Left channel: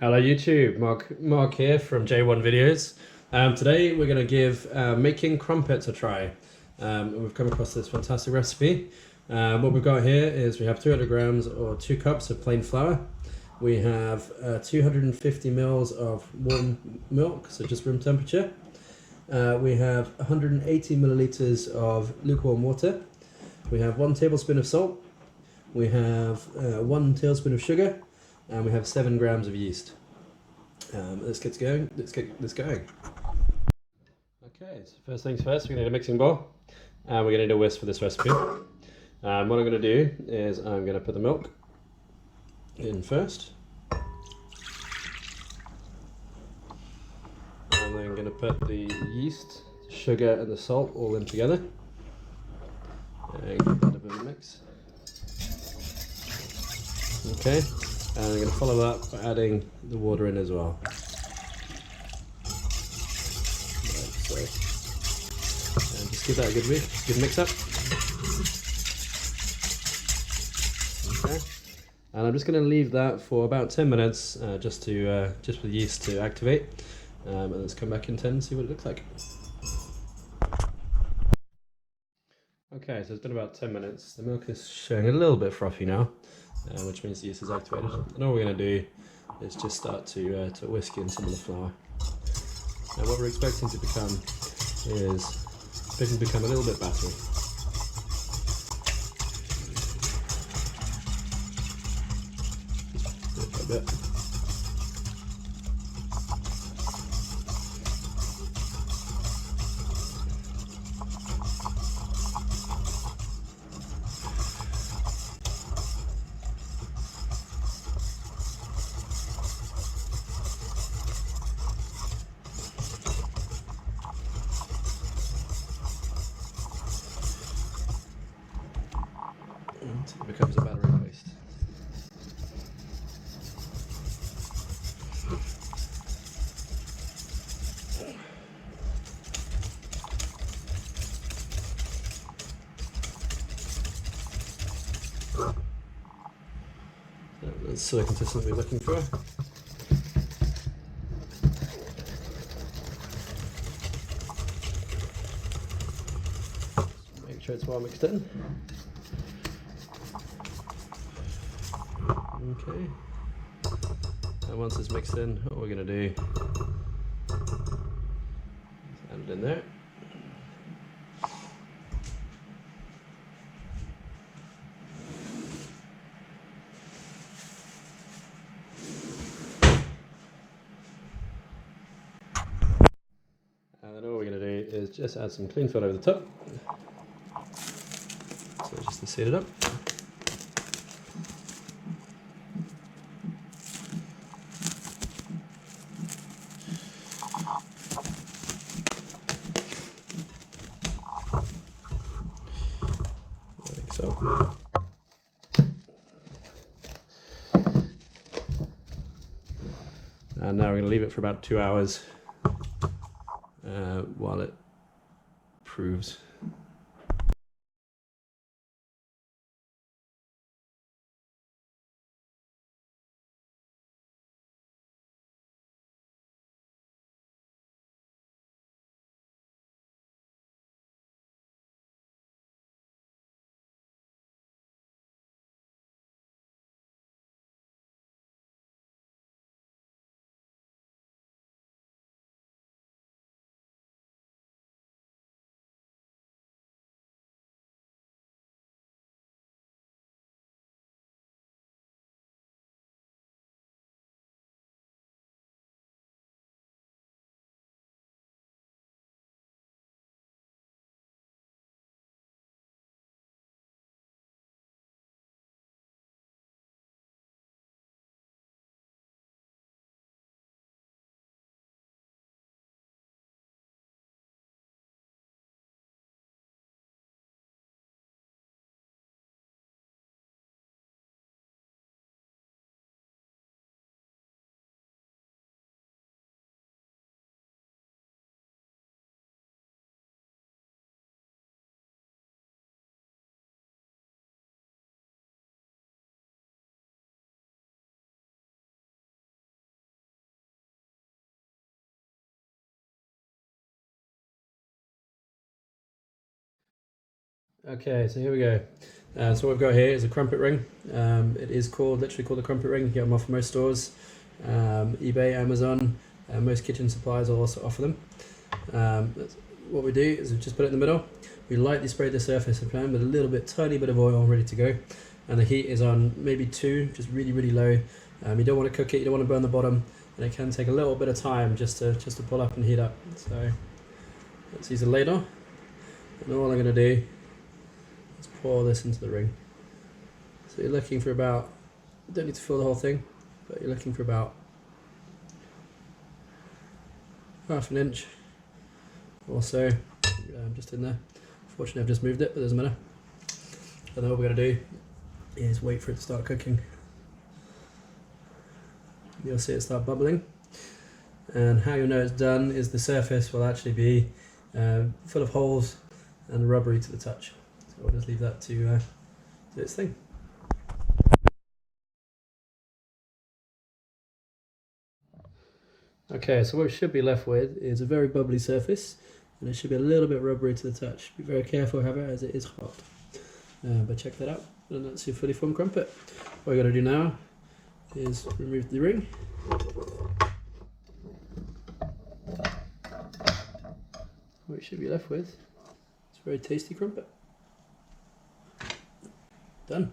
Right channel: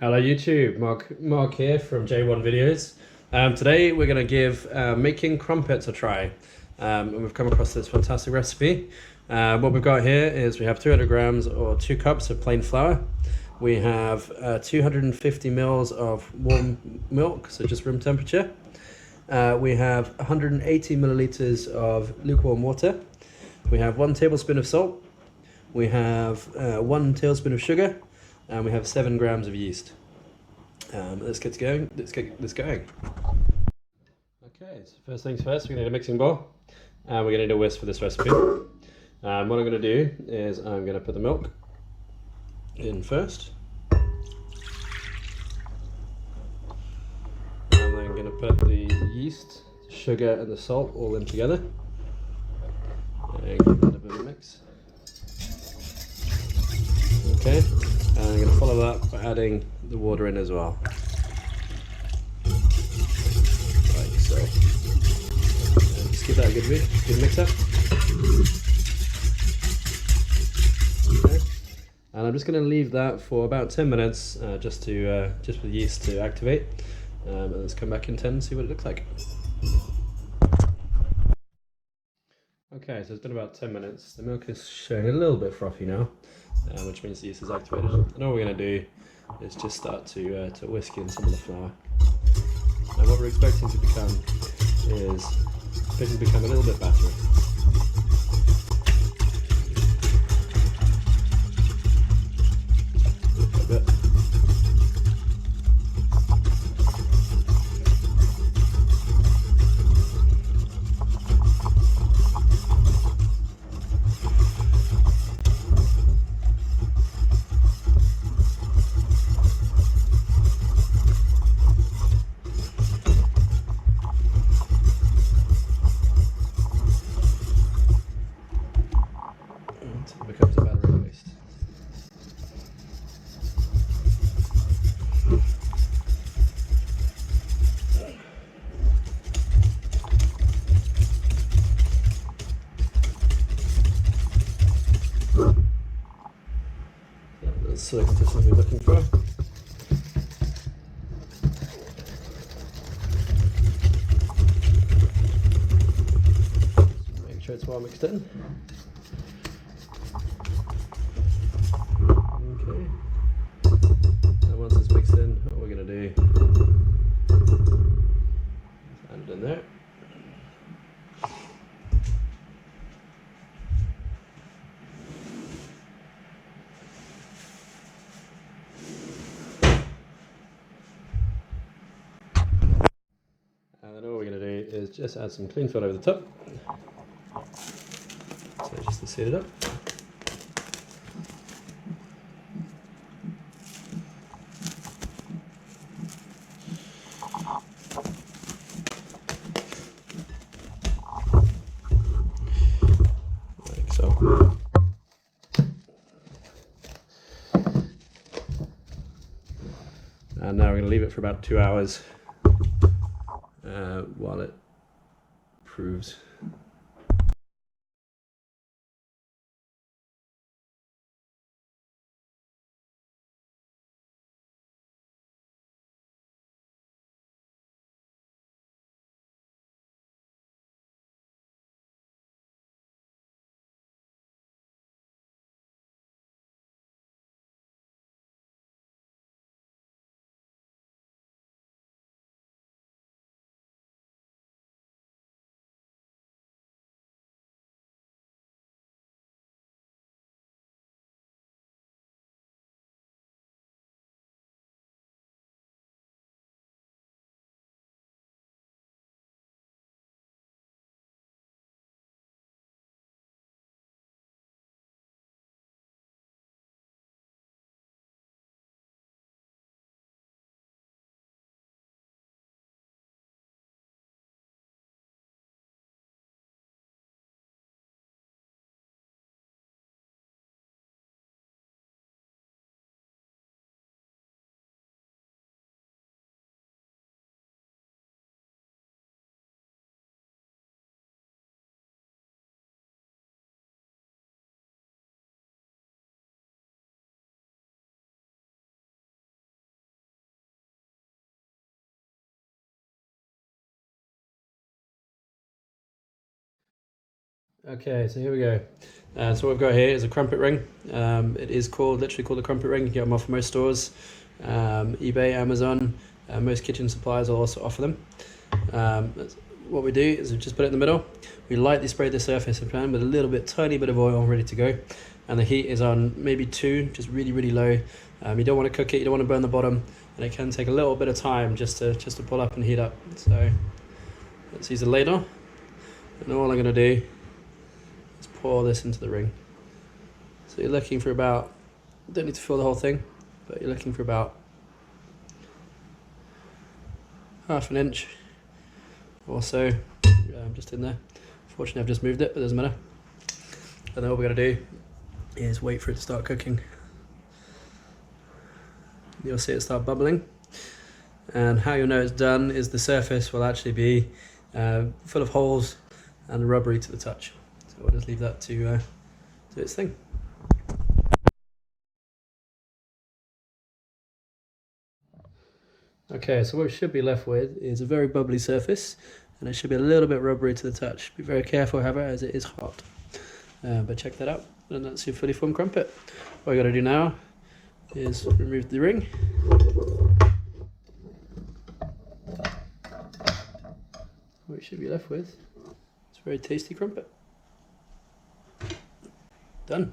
Hello YouTube, Mark here from J1 Videos. Today we're going to give making crumpets a try. And we've come across this fantastic recipe. What we've got here is we have 200 grams or 2 cups of plain flour. We have 250 mils of warm milk, so just room temperature. We have 180 milliliters of lukewarm water. We have 1 tablespoon of salt. We have 1 tablespoon of sugar. And we have 7 grams of yeast. Let's get going. Let's get this going. Okay, so first things first, we're going to need a mixing bowl. And we're going to need a whisk for this recipe. What I'm going to do is I'm going to put the milk in first. And then I'm going to put the yeast, sugar and the salt all in together. And give that a bit of a mix. Okay. And I'm going to follow that by adding the water in as well. Like so. And just give that a good mix up. Okay. And I'm just going to leave that for about 10 minutes just for the yeast to activate. And let's come back in 10 and see what it looks like. Okay, so it's been about 10 minutes. The milk is showing a little bit frothy now. Which means the yeast is activated. And all we're going to do is just start to whisk in some of the flour. And what we're expecting to become is a little bit battery. Bit by bit. Until it becomes a battery paste. That's the consistency we're looking for. Make sure it's well mixed in. Okay, and once it's mixed in, what we're going to do is add it in there. And then all we're going to do is just add some clean fill over the top, so just to seat it up. Like so. And now we're going to leave it for about 2 hours while it proves. Okay, so here we go. So what we've got here is a crumpet ring. It is literally called a crumpet ring. You get them off most stores, eBay, Amazon. Most kitchen suppliers will also offer them. What we do is we just put it in the middle. We lightly spray the surface of the pan with a little bit, tiny bit of oil ready to go. And the heat is on maybe 2, just really, really low. You don't want to cook it, you don't want to burn the bottom, and it can take a little bit of time just to pull up and heat up. So let's use a ladle, and all I'm going to do is pour this into the ring. So you're looking for about, you don't need to fill the whole thing, but you're looking for about half an inch or so, just in there. Fortunately I've just moved it, but doesn't matter. And then what we're going to do is wait for it to start cooking. You'll see it start bubbling, and how you'll know it's done is the surface will actually be full of holes and rubbery to the touch. So we'll just leave that to do its thing. Okay, so what we should be left with is a very bubbly surface, and it should be a little bit rubbery to the touch. Be very careful, however, as it is hot. But check that out, and that's your fully formed crumpet. What you got to do now is remove the ring. What you should be left with is a very tasty crumpet. Done.